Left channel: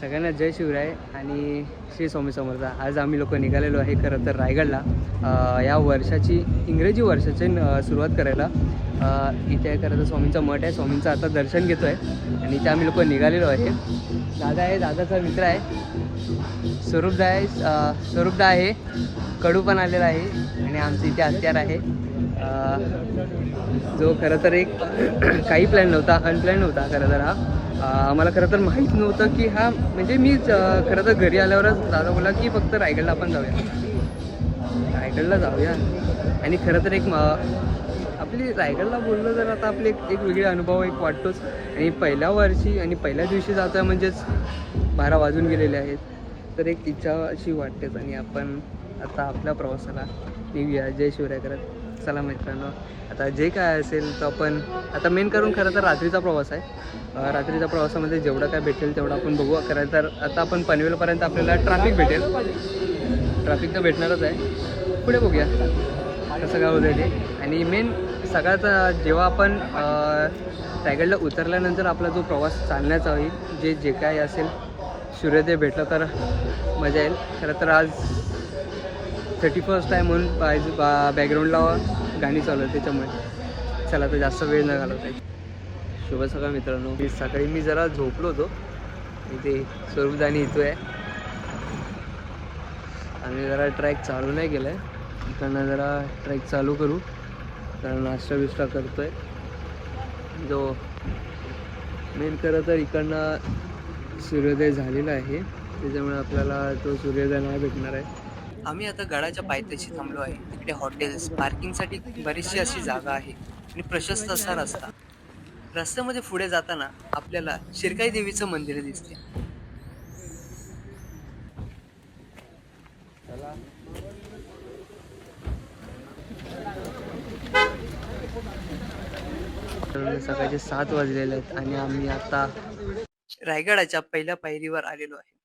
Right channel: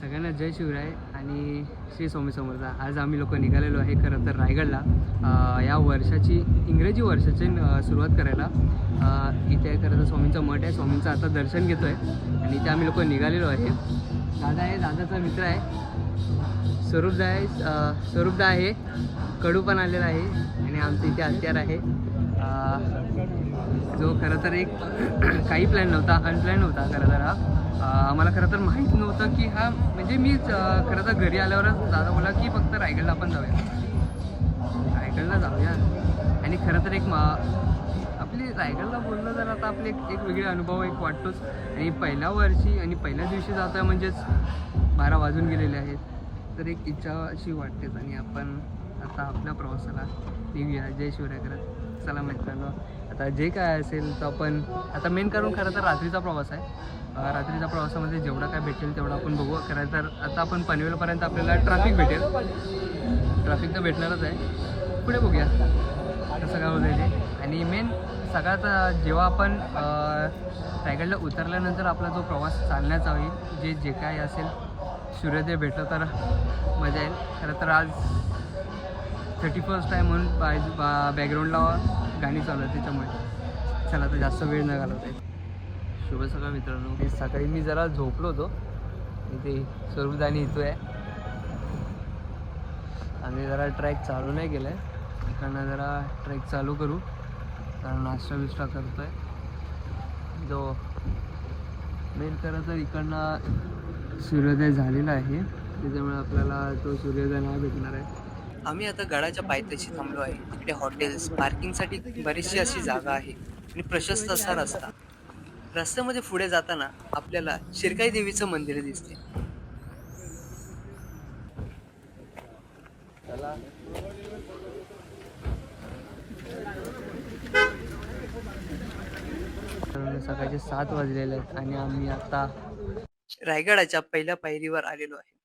सगळ्यांना जय शिवराय आणि श्री स्वामी समर्थ. आज आम्ही लोक निघालेलो आहे खरं तर रायगडला. या वर्षाची इंग्रजी वर्षाची सुरुवात करायला. इथे आहे खरं तर स्वामींचा मठ आहे. स्वामींचं आता दर्शन घेतो आहे आणि इथे आम्ही लोक निघालेलो आहे. दादा आहे दादाचा मित्र आहे. स्वरूपदा आहे स्वरूपदा आहे. कडू पण आलेला आहे. आणि आमचं इथे हत्यार आहे. जो खरं तर एक काही प्लॅन नव्हता अनप्लॅन नव्हता खरं तर हा. मला आम्हाला खरं तर माहीत नव्हतं की हा म्हणजे मी खरं तर घरी आल्यावरच दादा बोला की फक्त रायगडला आपण जाऊया. रायगडला जाऊया. आणि खरं तर एक म- आपली रायगडला बोललो तर आता आपले एक एक वेगळे अनुभव एक वाटतोच. आणि पहिल्या वर्षी आणि पहिल्या दिवशी जातो आहे म्हणजेच बारा वाजून गेलेले आहेत. तर एक इच्छा अशी वाटतेच आणि आपण आता आपल्या प्रवासाला निघूया. जय शिवराय करत. चला मित्रांनो आता जे काय असेल तर आपण आता मेन करून खरं तर रात्रीचा प्रवास आहे. रात्रीच्या प्रवासामध्ये जेवढं काय भेटेल तेवढं आपण बघू. खरं तर आता आपण पनवेलपर्यंत आपल्याला ट्रॅफिक भेटेल. ट्रॅफिक तर भेटणारच आहे. पुढे बघूया कसं काय होतं ते. आणि मेन सगळ्यात जेव्हा आपण रायगडला उतरल्यानंतर आपला जो प्रवास चालण्याचा होईल जे जे काय असेल सूर्योदय भेटलं तर मजा येईल. खरं तर आज थर्टी फर्स्ट आहे म्हणून बायज बा बॅकग्राऊंडला गाणी चालू आहे त्याच्यामुळे. चला तर जास्त वेळ न घालवत आहे शुभ सकाळ मित्रांनो. मी सकाळी मी जरा झोपलो होतो. इथे स्वरूपदानी इथं आहे आम्ही जरा ट्रॅक चालू नाही केलं आहे इकडनं जरा ट्रॅक चालू करू. तर नाश्ता बिस्ता करतो आहे जो मेन खरं तर इकडनं सूर्योदय झालेला आहे. त्याच्यामुळे आपल्याला तो सूर्योदय नाही भेटणार आहे. आम्ही आता गडाच्या पायथ्याशी थांबलो आहे. तिकडे हॉटेल्स पार्किंगसाठी बरीचशी अशी जागा आहे आणि प्रशस्त असा रस्ता. रस्त्यामध्ये पुढे जाताना आपल्याला शिरकाई देवीचं मंदिर दिसते. सकाळचे सात वाजलेले आहेत आणि आम्ही आता रायगडाच्या पहिल्या पायरीवर आलेलो आहे.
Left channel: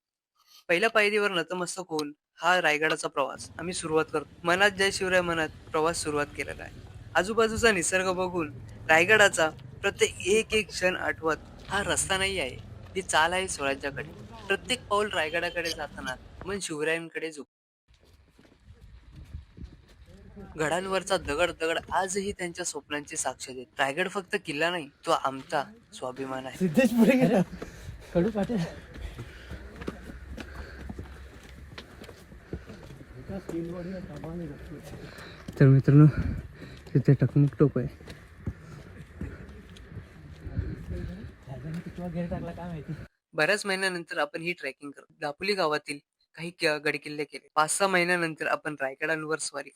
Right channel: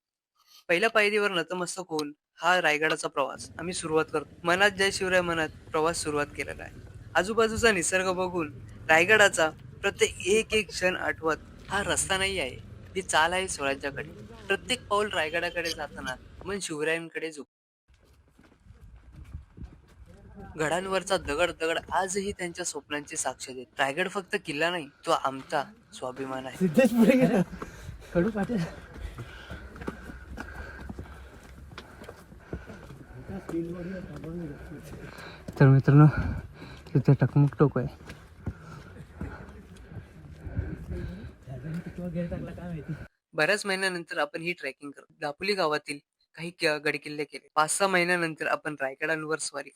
पहिल्या पायरीवर नतमस्तक होऊन हा रायगडाचा प्रवास. आम्ही सुरुवात करतो. मनात जय शिवराय मनात प्रवास सुरुवात केलेला आहे. आजूबाजूचा निसर्ग बघून रायगडाचा प्रत्येक एक एक क्षण आठवत हा रस्ता नाही आहे. ही चाल आहे स्वराज्याकडे प्रत्येक पाऊल रायगडाकडे जाताना मन शिवरायांकडे झुक गडांवरचा दगड दगड आजही त्यांच्या स्वप्नांची साक्ष देत. रायगड फक्त किल्ला नाही तो आमचा स्वाभिमान आहे सिद्धेश पुढे गेला कडू पाटील तर मित्रांनो तिथे टकमक टोक आहे. बऱ्याच महिन्यानंतर आपण ही ट्रेकिंग करू दापोली गावातील काही गडकिल्ले केले. पाच सहा महिन्यानंतर आपण रायगडांवर स्वारी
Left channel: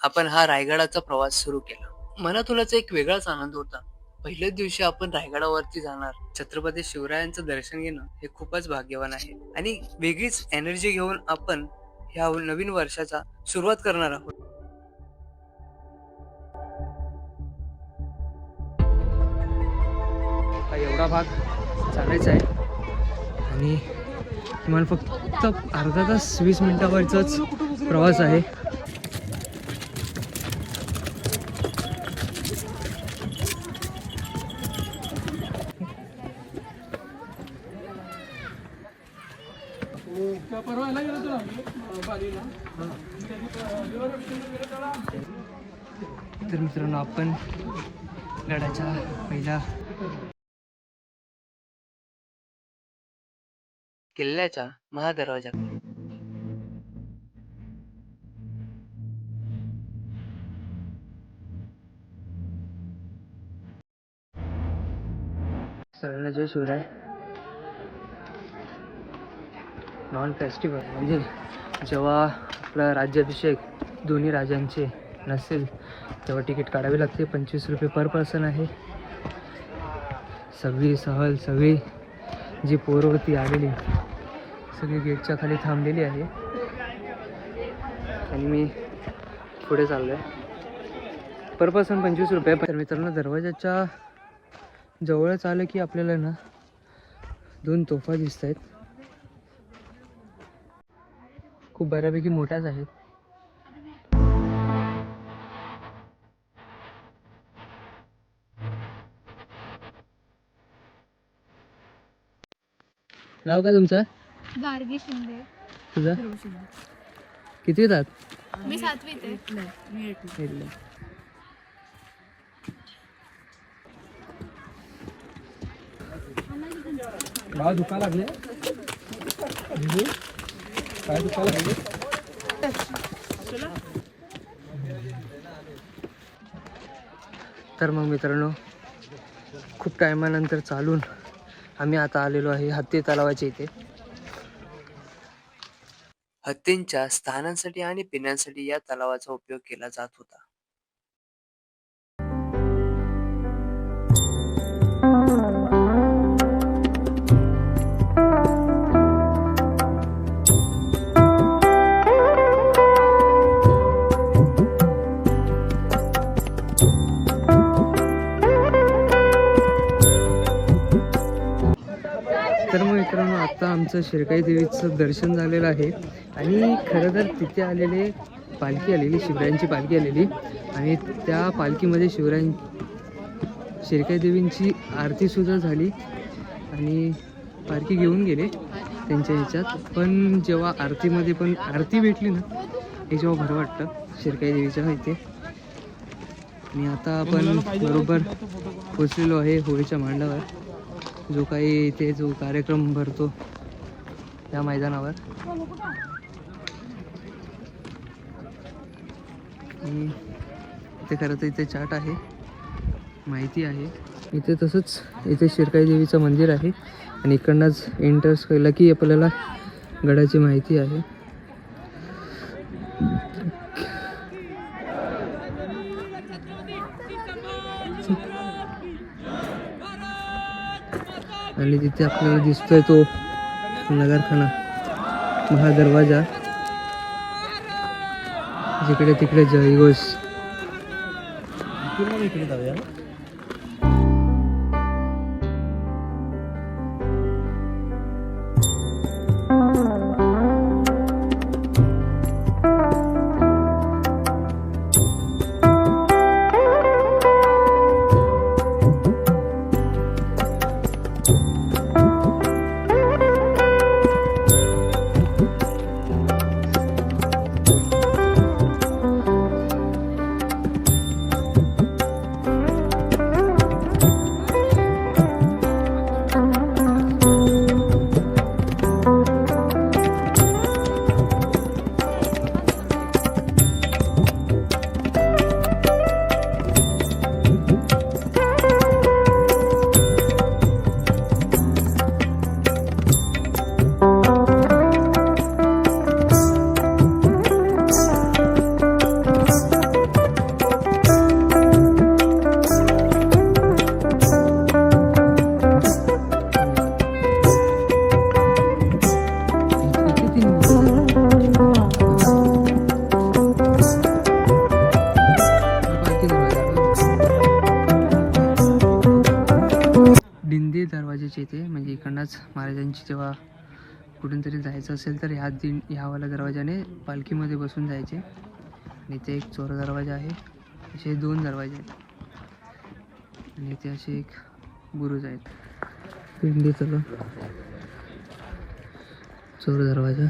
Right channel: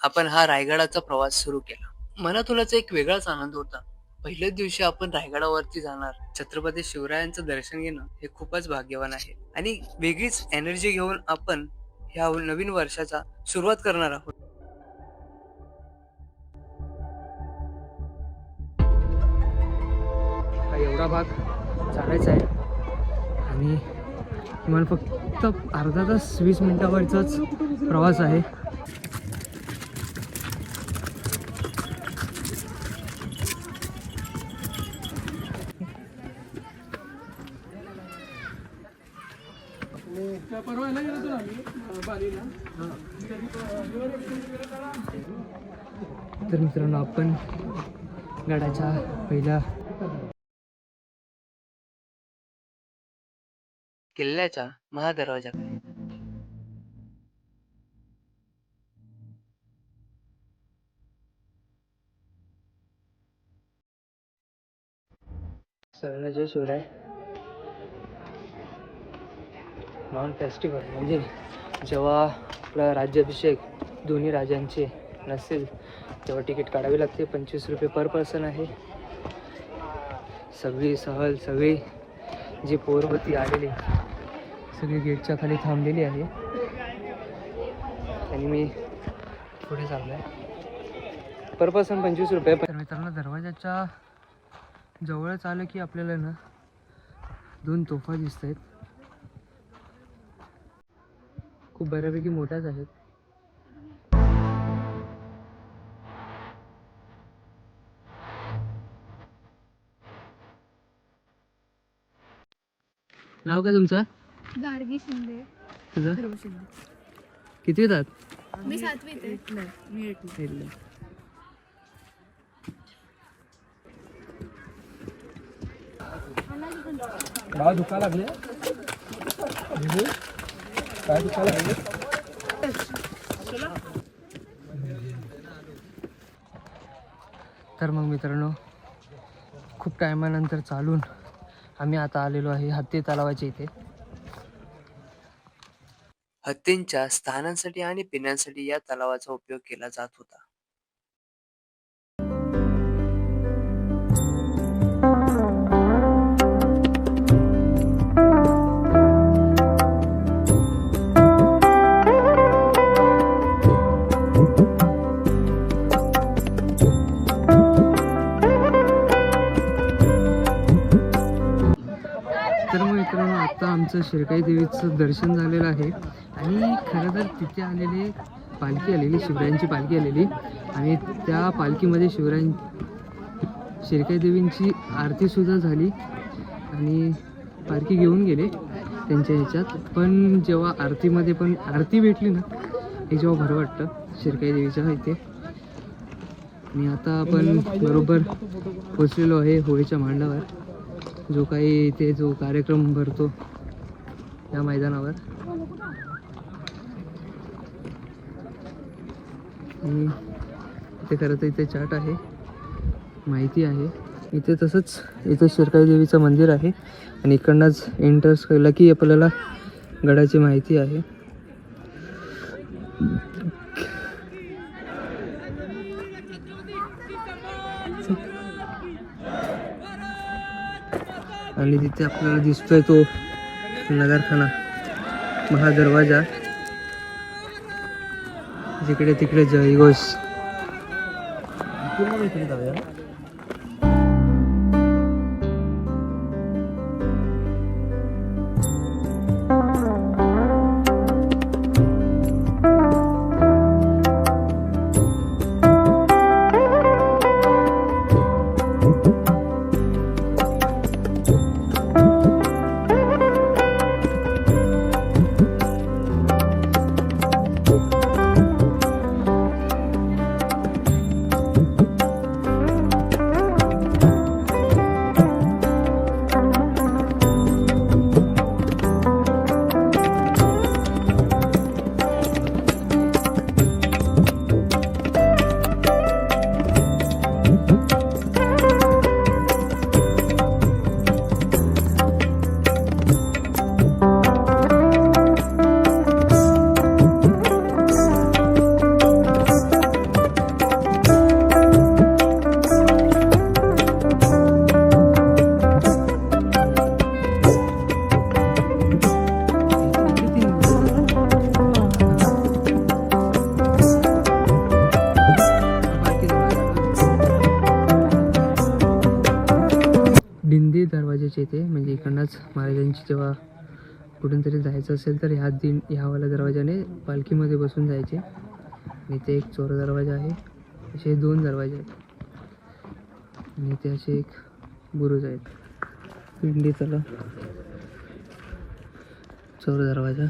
आपण हा रायगडाचा प्रवास सुरू केला. मनातूनच एक वेगळाच आनंद होता. पहिल्याच दिवशी आपण रायगडावरती जाणार छत्रपती शिवरायांचं दर्शन घेणं हे खूपच भाग्यवान आहे. आणि वेगळीच एनर्जी घेऊन आपण ह्या नवीन वर्षाचा सुरुवात करणार आहोत. एवढा भाग चालायचा आहे. आणि किमान फक्त अर्धा तास वीस मिनिटावरचाच प्रवास आहे. तर मित्रांनो आपण गडाच्या पहिल्या किल्ल्याच्या महादरवाजाकडे सगळ्याच्या शिवराय नॉन फेस्टिवल. म्हणजे जेव्हा आपला राज्याभिषेक दोन्ही राजांचे नसेल तेव्हा तिकीट काढावे लागते. पंचवीस रुपये पर पर्सन आहे. सगळी सहल सगळी जी पोरं होती आलेली सगळी गेटच्या खाली थांबलेली आहे. आणि मी पुढे चाललो आहे पर पर्सन पंचवीस रुपये. तर मित्रांनो दरवाजाच्या जवळच आलं की आपल्याला ना दोन तोफा दिसत आहेत खूप बऱ्यापैकी मोठ्याच आहेत. नाव काय तुमचं? गार्गी शिंदे. तुझं? किती येतात मी सातवीत आहे. दुखा लागले काय तर मग मित्रांनो खूप टायमानंतर चालून आम्ही आता आलेलो आहे हत्ती तलावाच्या इथे. हत्तींच्या स्थानांसाठी आणि पिण्यासाठी या तलावाचा उपयोग केला जात होता. तर मग मित्रांनो आत्ता आमचं शिरकाई देवीचं दर्शन झालेलं आहे. आणि खरं तर तिथे आलेले पालखी आलेली शिवरायांची पालखी आलेली. आणि त्या पालखीमध्ये शिवरायां शिरकाई देवींची आरतीसुद्धा झाली. आणि पालखी घेऊन गेले त्यांच्या ह्याच्यात. पण जेव्हा आरतीमध्ये पण आरती भेटली ना हे जेव्हा बरं वाटतं शिरकाई देवीच्या इथे. आणि आता आपण बरोबर पोचलेलो आहे होळीच्या मांडावर. जो काही इथे जो कार्यक्रम भरतो या मैदानावर. आणि इथे खरं तर इथे चाट आहे माहिती आहे. इथे तसंच इथे शिरकाई देवीचं मंदिर आहे आणि इकडनंच एंटर्स केलं की आपल्याला गडाची माहिती आहे. आणि तिथे आपल्याला दिसतोय तो नगरखाना महादरवाजा जिकडे तिकडे जयघोष म्हणजे महाराजांची जेव्हा कुठून तरी जायचं असेल तर ह्या दिन ह्यावाल्या दरवाजाने पालखीमध्ये बसून जायचे. आणि इथे एक चोर दरवाजा आहे. असे दोन दरवाजे आहेत. आणि इथे असे एक बुरुज आहेत. पिंडी चला चोर दरवाजा.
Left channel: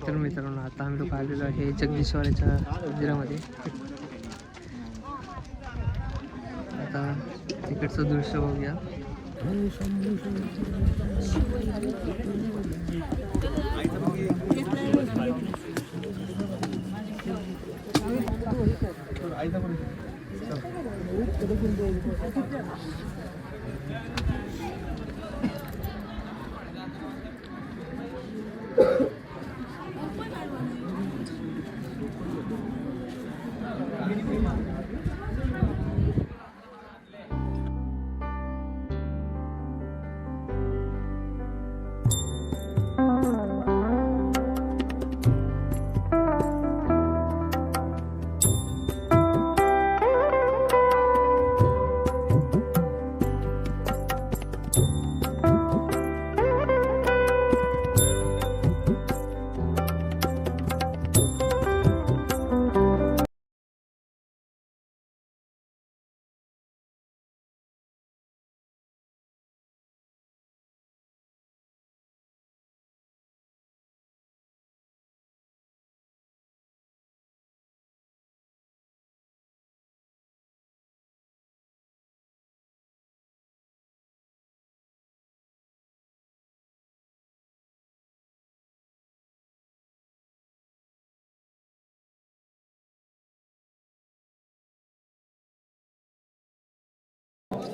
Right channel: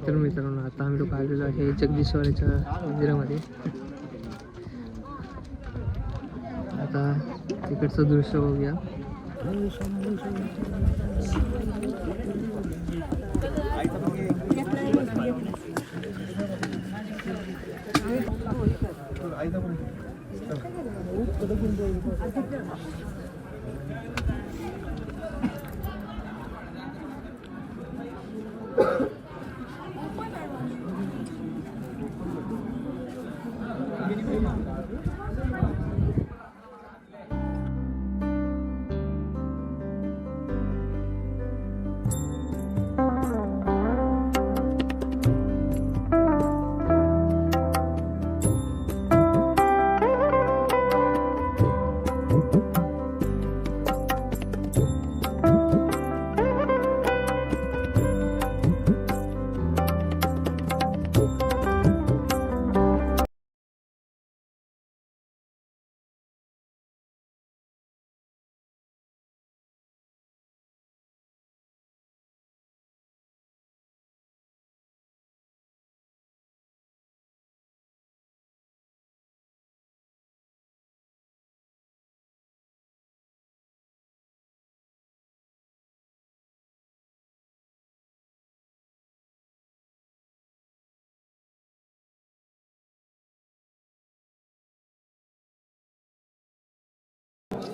तर मित्रांनो आता आम्ही लोक आलेलो आहे जगदीश्वराच्या मंदिरामध्ये. तिकडचं दृश्य बघूया.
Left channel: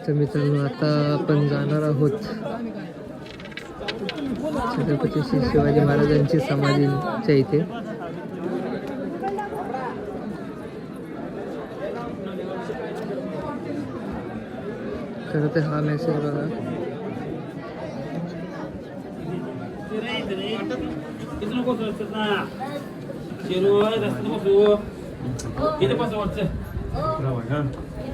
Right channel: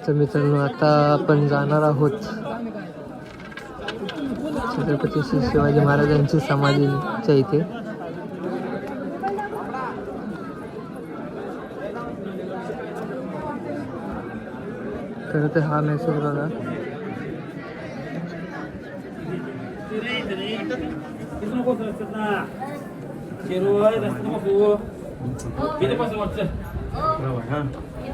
तर मित्रांनो आता आपण जाणार आहोत छत्रपती श्री शिवाजी महाराजांची समाधीच्या इथे. खरं तर हा मेसेज बघा.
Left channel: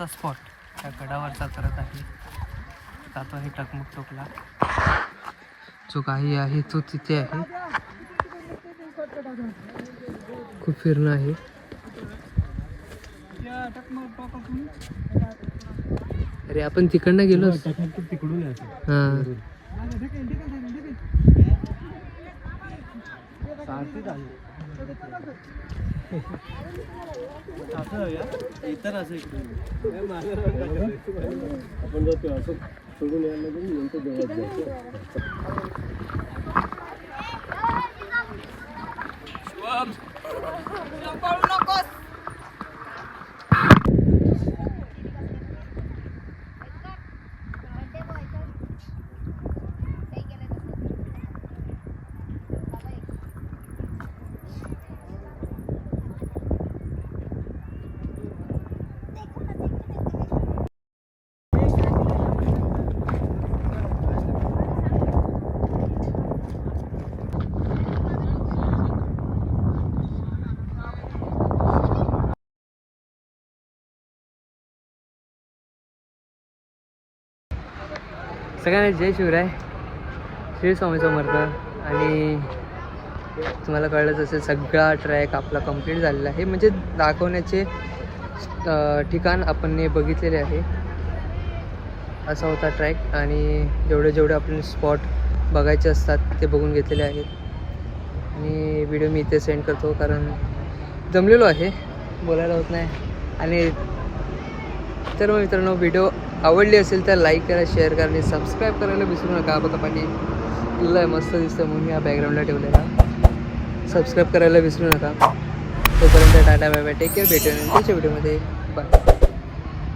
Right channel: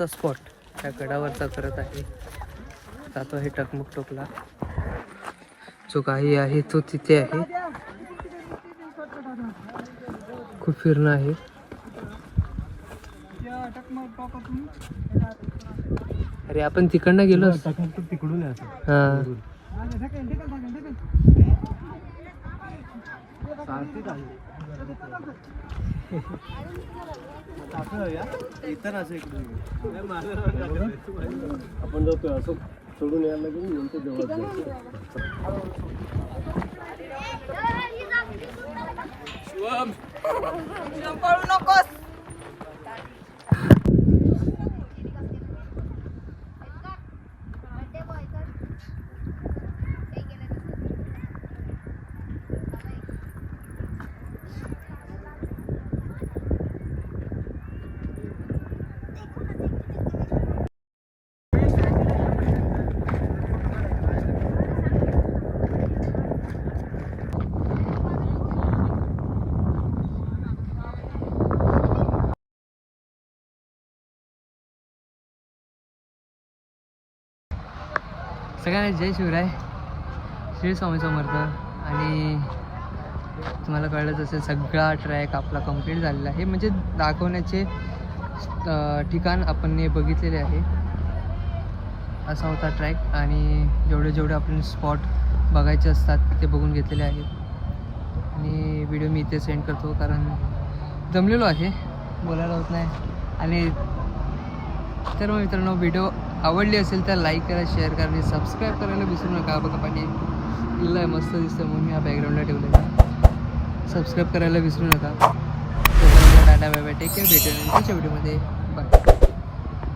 लाचचा स्पॉट त्या गडावरचा करत आहे. जातो आहे टकमुक टोकला. जो काही आहे तो तिथे आहे. खूप फिरणं आहे. अरे आपण तिकडनं गेलो तिकडून हा. इतर असं इकडून आपण जातो असं सोडून यायला लागेल नंतर देवळात जातो सगळ्यांना जय शिवराय. श्री स्वामी समर्थ. आणि तुम्हाला कळलंच असेल सगळा ट्रॅक आपला कंप्लीट झालेला आहे. म्हणजे दाखवण्याचे ठिकाण आपण ने बघितलेले आहे. असा होता ट्रॅक आणि जेवढे जेवढे आपण स्पॉट बघायचे असतात ते बघून घेतलेले आहेत. आणि व्हिडिओ मी इथे सेंड करतो कारण जमलेलो आहे. बोलायला होत नाही. आणि तर मग मित्रांनो व्हिडिओ आवडली असेल तर लाईक करा शेअर करा आणि सबस्क्राईब करायला विसरू नका. बघा पाणी लय मस्त दिसतं म्हणून मी हा बॅकग्राऊंडला ठेवलेला. सबस्क्राईब करायला विसरू नका. तोपर्यंत Tata bye bye. Take care भेटूया नंतरच्या व्हिडिओमध्ये बाय